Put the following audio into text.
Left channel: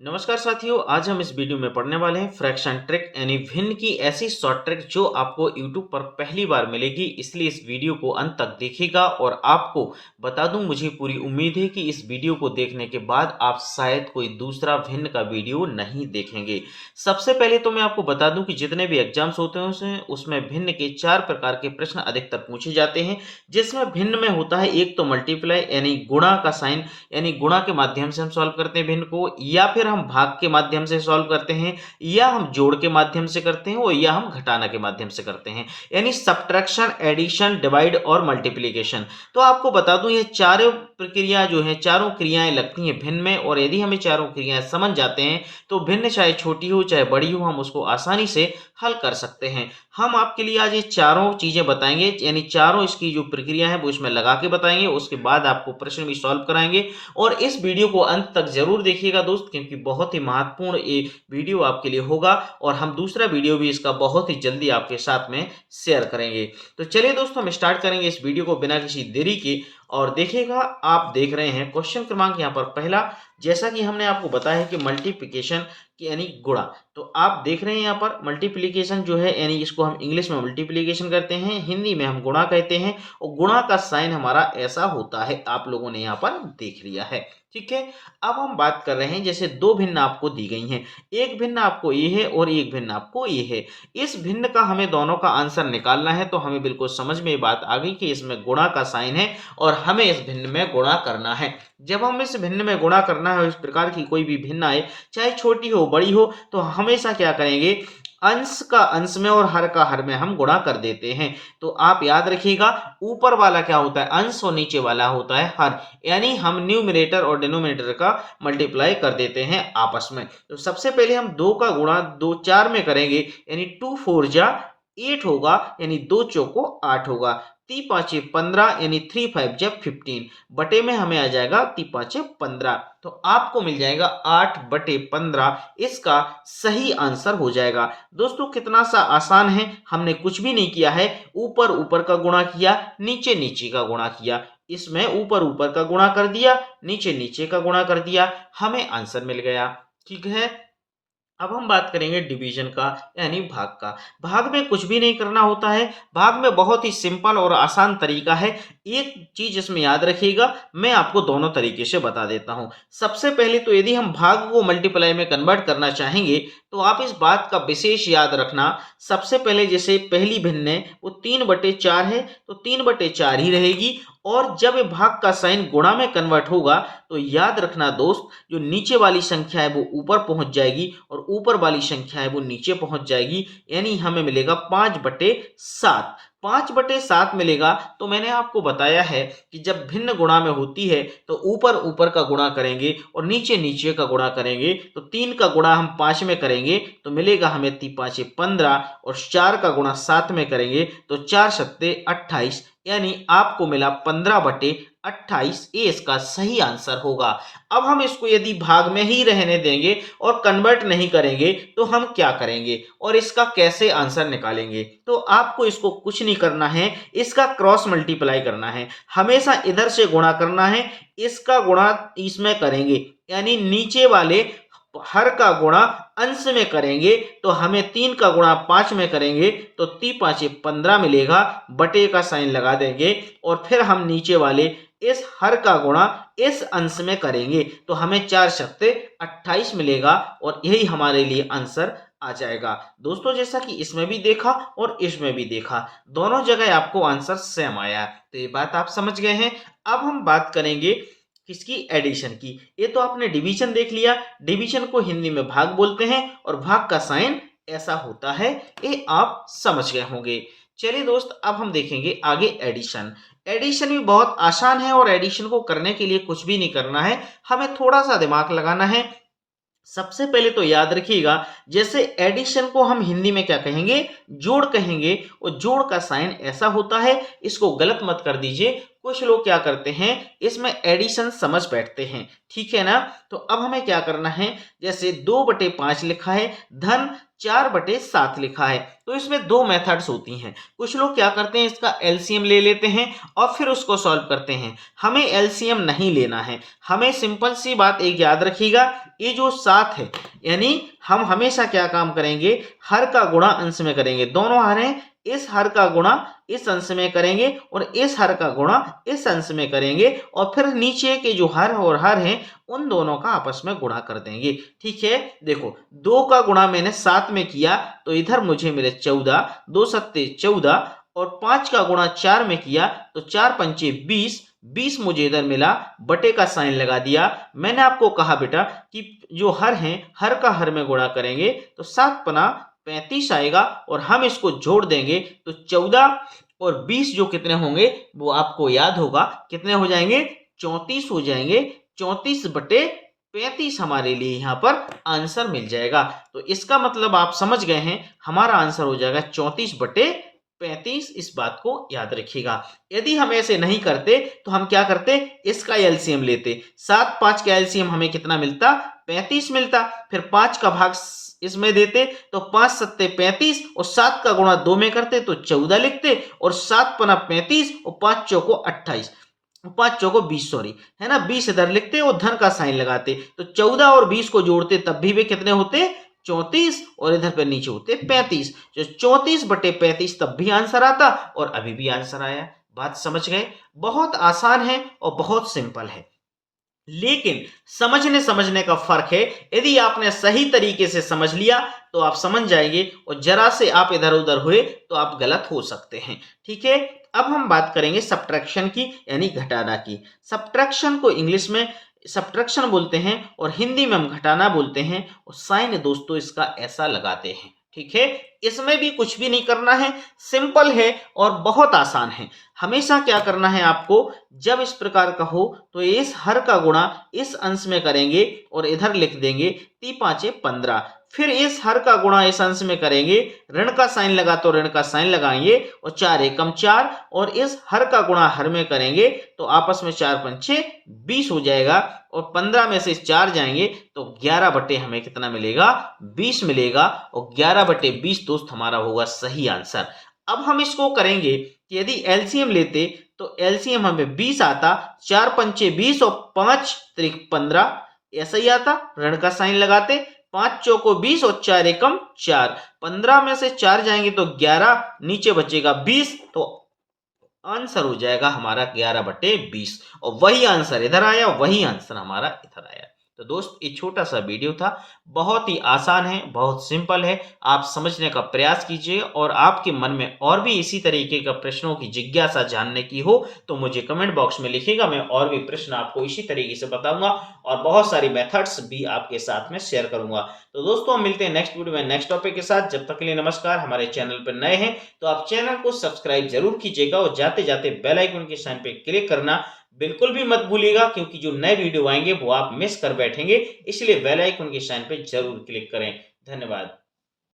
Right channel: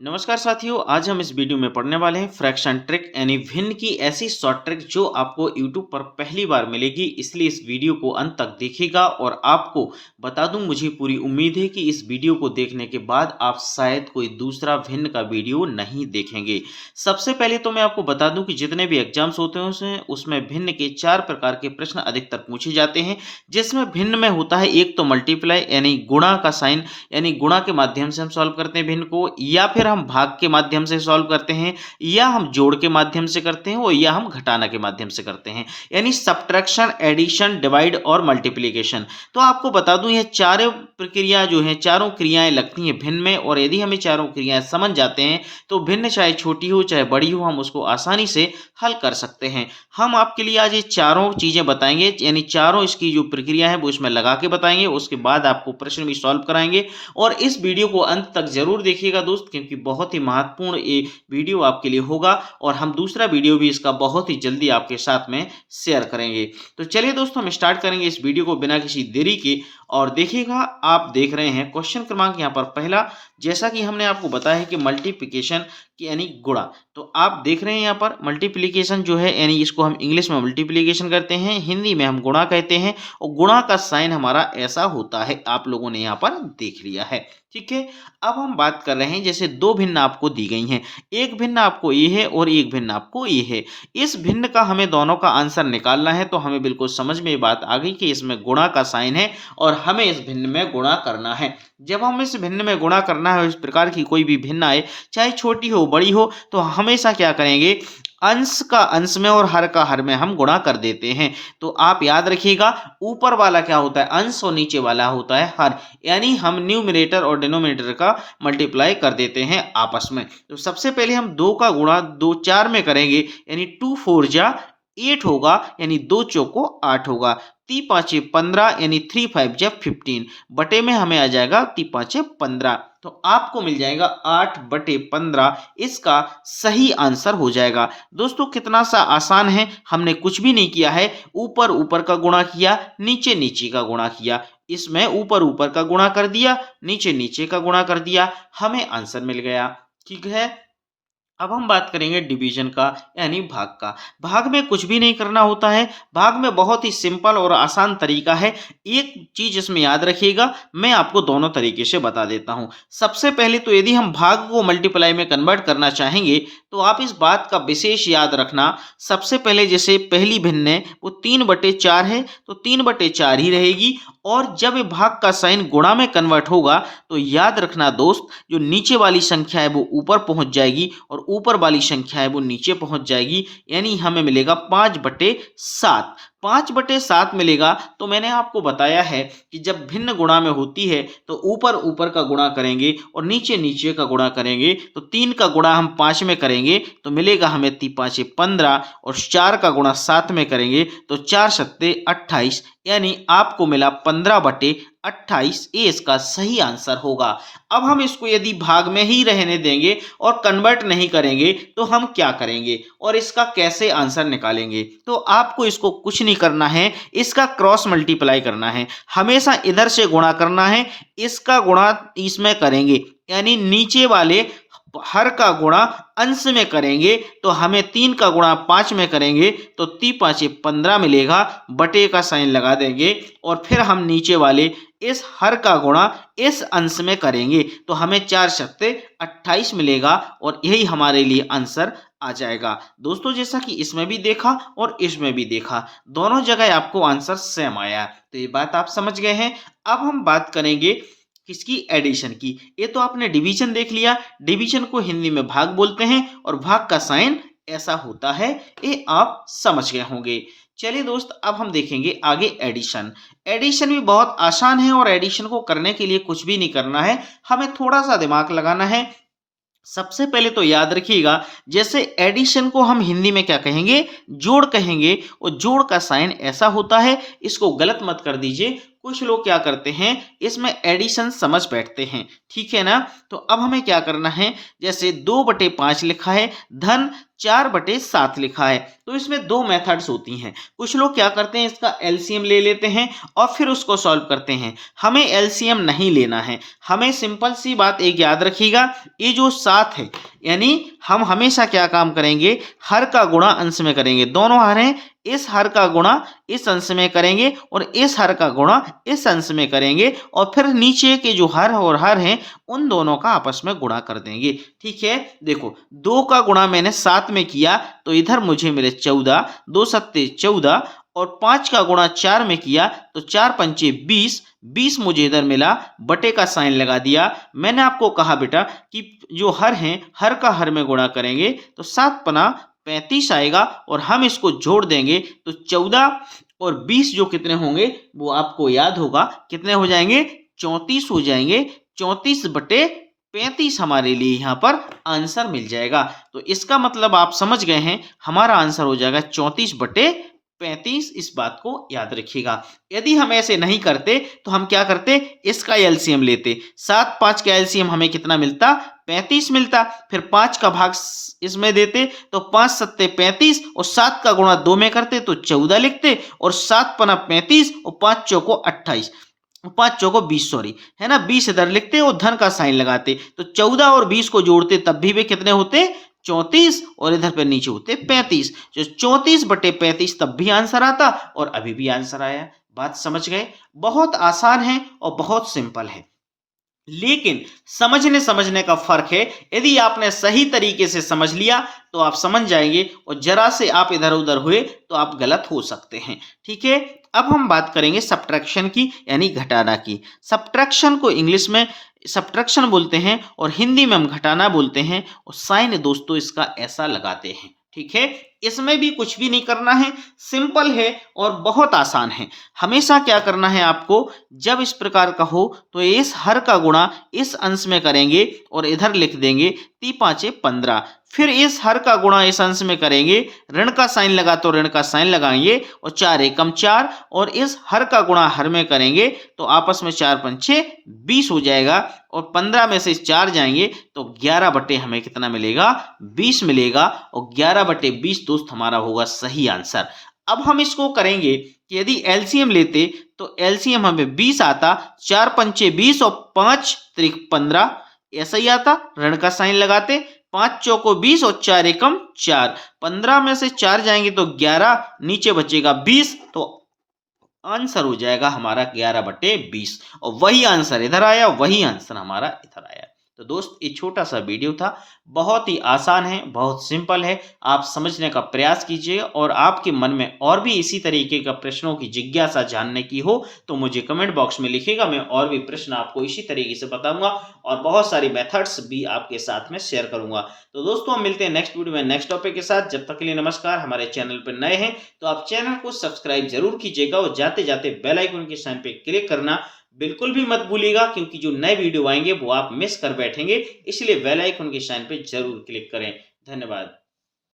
नमस्कार साथियों, आज हम इस वीडियो में पढ़ने वाले हैं फ्रैक्शन ट्रिक यानी भिन्न की ऐसी शॉर्ट ट्रिक जो आपको यूट्यूब पर पहली बार मिलेगी। इसलिए इस वीडियो को अंत तक देखिएगा और आपको बता दूं, मुझे पूरी उम्मीद है कि इस वीडियो को देखने के बाद आप शायद कोई दूसरा भिन्न का वीडियो नहीं देखेंगे। सबसे पहले तो मैं आपको बता दूं कि जितने भी एग्जाम्स होते हैं उसमें भिन्न के 4 प्रकार के प्रश्न अधिकतर पूछे जाते हैं, जिसमें भिन्न में होता है एक तो मल्टीप्लाई यानी गुणा का साइन, यानी गुणा के माध्यम से हम सॉल्व करते हैं भिन्न को, या फिर हम भाग के माध्यम से सॉल्व करते हैं, या हम जोड़ के माध्यम से करते हैं और या हम घटाना के माध्यम से करते हैं, यानी सब्ट्रैक्शन, एडिशन, डिवाइड और मल्टीप्लिकेशन। तो आपको बता दूं ये चारों प्रक्रिया जो है, चारों क्रियाएं लगती हैं भिन्न में, और यदि हमें चारों क्रियाएं समझ जाते हैं तो भिन्न चाहे छोटी हो चाहे बड़ी हो हम उसको आसानी से हल कर सकते हैं। हम आपके लिए आज ये चारों चीजें बताएंगे, यानी चारों इसकी जो प्रक्रिया है वो इसमें लगा के बताएंगे, उसके बाद आपको प्रश्न भी सॉल्व कराएंगे। और इस वीडियो को अंत तक जरूर देखिएगा दोस्त, क्योंकि बहुत ही महत्वपूर्ण ये वीडियो आपके लिए होगा और हम दूसरा वीडियो भी इसका बहुत ही जल्दी आपके साथ में शेयर करेंगे। तो चलिए दोस्तों, हम स्टार्ट करेंगे इस वीडियो को बिना किसी देरी के। और देखिएगा, आप देख रहे हैं क्वेश्चन क्रमांक यहाँ पर पहला, जैसा कि हमने आपको बताया है कि मल्टीप्लिकेशन यानी गुणा। तो आप देख रहे हैं यहाँ पर मल्टीप्लिकेशन जो है, यानी इसको हम इंग्लिश में मल्टीप्लिकेशन करते हैं, हिंदी में हम गुणा कहते हैं, और गुणा का साइन हमारा ऐसा होता है, आप लोगों ने यहाँ पर देख लिया है। ठीक है, अब हम बात कर रहे हैं, जैसे दो भिन्न आपको दी गई हैं, एक भिन्न आपको ये है और एक भिन्न आपको ये है। इस भिन्न का हमें दोनों का आंसर निकालना है, तो हमें बिल्कुल समझ में ये बात आ गई कि इसमें गुणा का साइन है और हमें इस भिन्न में गुणा करना है। जब हम इस भिन्न में गुणा करना है, इस प्रकार की कोई भी भिन्न आए, चाहे छोटी हो बड़ी हो, तो हमेशा क्या करेंगे, अंश का अंश में और हर का हर में हम गुणा कर देते हैं। तो आप याद रखिएगा, ऊपर वाला क्या होता है अंश और नीचे वाला होता है हर, यानी हम न्यूमरेटर और डिनोमिनेटर का मल्टीप्लाई कर देते हैं आपस में। तो सबसे पहले हम दो का गुणा दो चार में करेंगे, यानी 2 4 जा 8 होगा, यानी दो चौको 8 होगा, 3 5 15 यानी 3 5 जा 15, बटे में हमें आ जाएगा 3 5 15। तो आपको मिल जाएगा 8 बटे 15, इसका सही आंसर हो जाएगा। दोस्तों कितना सा आसान है, हमने कुछ भी नहीं किया है, ऊपर ऊपर का गुणा किया, नीचे नीचे का गुणा किया, इसमें ऊपर ऊपर का गुणा कर दिया, नीचे नीचे का गुणा कर दिया, हमें आंसर मिल गया। ठीक है, अब हम बात करेंगे डिवीजन का यानी भाग का। भाग में कुछ भी नहीं करना होता है, भाग में बहुत ही सिंपल और आसान तरीका है। एक चीज इसमें याद रखिएगा, मैं आपको दोनों तरीके से बता देता हूं। सबसे पहले तो यदि हम भाग को मल्टीप्लाई में कन्वर्ट करना चाहेंगे, तो आप इस बात का विशेष याद रखना, सबसे पहले जैसे पहली भिन्न है वो 3/4 है, तो 3/4 ही रहेगी। और जब ये भाग का साइन गुणा में कन्वर्ट होगा, तो याद रखना दोस्त, जो नीचे वाली संख्या है वो ऊपर पहुंच जाएगी और ऊपर वाली संख्या है वो नीचे पहुंच जाएगी, यानी हमें मिलेगा 5/7। 5/7 मिलेगा। तो मैंने आपको बताया है कि जब भिन्न गुणा में होती है तो ऊपर ऊपर का गुणा करेंगे और नीचे नीचे का गुणा करेंगे। तो 3 का गुणा हम 5 में करेंगे तो मिलेगा हमें 3 5 15, और 4 का गुणा 7 में करेंगे तो 4 सत्ते 28, यानी आपको मिला 15/28। ये इसका सही आंसर होगा। अब हम इसको यदि भाग में ही रहने देंगे और कन्वर्ट नहीं करेंगे, तो हम क्या करेंगे और इसका कैसे आंसर निकालेंगे? तो आपको इसको कुछ नहीं करना है, इसका क्रॉस मल्टीप्लाई करना है, हमेशा इधर से गुणा करना है, इसका गुणा इसमें करेंगे, यानी नीचे वाले हर का गुणा अंश में करेंगे, तो हमें 3 का गुणा 5 में करेंगे तो 3 5 15 मिलेगा, बटे का साइन लगा देंगे, और फिर हम नीचे वाले इस हर का गुणा इस अंश में करेंगे तो हमें 4 सत्ते 28 मिलेगा, और यही हमारे लिए आंसर आ जाएगा। दोस्तों जैसा कि इसमें भी देखा और इसमें भी देखा, दोनों जगह आपको आंसर सेम आया, तो ये बात आप समझ गए हैं। अब हम बात करेंगे किसकी, एडिशन की। ये तो आपने डिवीजन देख लिया, डिवीजन को हिंदी में भाग बोलते हैं और भाग का साइन ऐसा होता है, ये आप समझ गए होंगे। चलिए दोस्त, अब हम देखेंगे आगे एडिशन। एडिशन भी बहुत आसान है और एडिशन को करने के लिए कुछ भी नहीं करना है, हमें थोड़ा सा दिमाग लगाना है। सबसे पहले तो याद रखिएगा, जैसे एडिशन को हम हिंदी में क्या कहेंगे, जोड़ कहेंगे, और जोड़ का साइन ऐसा होता है, इसको गलत मत कर दीजिए, कुछ लोग क्या करते हैं, इसमें एडिशन समझ बैठते हैं, ठीक है ना। तो अब हमें क्या करना है, जैसे 2/5 लिखा है, धन 4/7 लिखा है, तो इसमें दो मेथड्स होती हैं। कुछ लोग क्या करते हैं, इसका एलसीएम ले लेते हैं और फिर उसको सॉल्व करते हैं। हमें एलसीएम नहीं लेना है, हमें सिंपल सी बात एक याद रखिएगा, ये जो 7 है, यानी हम हमेशा क्या काम करेंगे, हर का गुणा अंश में करेंगे। दोनों हर हैं, इस हर का गुणा इस अंश में करेंगे और इस हर का गुणा इस अंश में करेंगे और फिर नीचे के जो हर और हर हैं उन दोनों का आपस में गुणा कर देंगे, ठीक है। देखो 2 का गुणा मैंने 7 में किया तो इधर मुझे मिले 14, 2 सत्ते 14, और 5 का गुणा 4 में किया तो 4 पंचे 20, 20 मुझे इधर मिला, बटे का साइन लगा दिया। मैंने आपको कहा बेटा कि जो हर हैं, हर का हर में गुणा करेंगे तो 7 पना 35 आएगा और हम इसको जोड़ देंगे तो 14 और 20 जो कितने होंगे वो आपको याद होगा, कितने हो जाएंगे, 34 हो जाएंगे। 34/35 हमारे लिए यहाँ पर आंसर मिल जाएगा। तो इसका मतलब आप समझ गए हैं, हमारा आंसर हो जाएगा 34/35। इस बात को याद रखिएगा। यदि हम ऐसे नहीं करते तो हम क्या करते, इसका एलसीएम लेते। 7 5 का एलसीएम हमें कितना मिलता, 35 मिलता। फिर 5 का भाग इसमें देते तो 5 सत्ते 35 और 7 का गुणा 2 में करते तो 14 लिखते और 7 पना 35 और 5 चौको 28, 5 चौको 20, सॉरी है ना, 20 इधर लिखते और धन का साइन लगाते तो 14 और 20 को जोड़ते तब भी वे कितने होते, 34, और इधर पे नीचे होते 35। जो 34/35 तब भी आंसर आता और अभी भी आंसर आया। बात समझ गए, बहुत आसान है और बहुत सिंपल है, लेकिन समझने समझने का फर्क है। यदि आपने सही तरीके से समझ लिया तो आप समझ जाएंगे और जरा से आप इधर उधर हुए तो आप गलत हो सकते हैं, ठीक है। अब हम बात करेंगे सब्ट्रैक्शन की, यानी घटाना की। सब्ट्रैक्शन को इंग्लिश में सब्ट्रैक्शन बोलते हैं और हिंदी में हम घटाना बोलते हैं, और साइन दोस्तों इसका ऐसा लगाते हैं, ठीक है। इसमें भी कुछ भी नहीं करना है, सिंपल है और बहुत आसान है। हमेशा क्या करना है आपको, जब इस प्रकार का हो तो इस हर का गुणा इस अंश में करेंगे और इधर लिख देंगे 3 5 15। फिर इस हर का गुणा इस अंश में करेंगे, ऋण का साइन लगा तो ऋण का साइन लगाएंगे और 4 एकम 4, और इस हर का गुणा हर में करेंगे तो आपस में 4 पंचे 20 हो जाएगा और 15 में से 4 जाएंगे तो 11 बटे हमें कितना मिलेगा, 20 मिलेगा, और 11/20 दोस्त हमारा होगा सही आंसर। अब हम इसको करेंगे कि यदि एलसीएम लेते तो एलसीएम हमें 20 आता, 4 पंचे 20 और 5 त्रिक 15, ऐसा ही आता। ऋण का साइन लगाते, 5 चौको 20 और 4 एकम 4, 15 में से 4 जाएंगे तो 11, नीचे बचेगा 20, तो आंसर हो जाएगा हमारा 11/20, और वही आंसर इधर आया, वही आंसर हमारा इधर आया। तो दोस्त ये छोटा सा वीडियो था, बहुत ही आसान है, बहुत सिंपल है, आप समझने का प्रयास कीजिए। और आपके मन में और भी इसी तरीके का प्रश्नों की जिज्ञासा जानने की हो तो मुझे कमेंट बॉक्स में लिखिएगा, मैं और भी प्रश्न आपको इसी तरीके से बताऊंगा और बहुत सारी मेथड्स भी आपके साथ में शेयर करूंगा। तो दोस्तों हम मिलते हैं नेक्स्ट वीडियो में नेक्स्ट टॉपिक के साथ। जब तक के लिए नमस्कार। हमारे चैनल पर नए हैं तो आप चैनल को सब्सक्राइब जरूर कीजिएगा और जाते जाते बेल आइकन के साइन पे क्लिक करना बिल्कुल भी मत भूलिएगा, क्योंकि जो नए वीडियो आएंगे वो आप मिस कर बैठेंगे, इसलिए बेल आइकन के साइन पे जरूर क्लिक करें। धन्यवाद।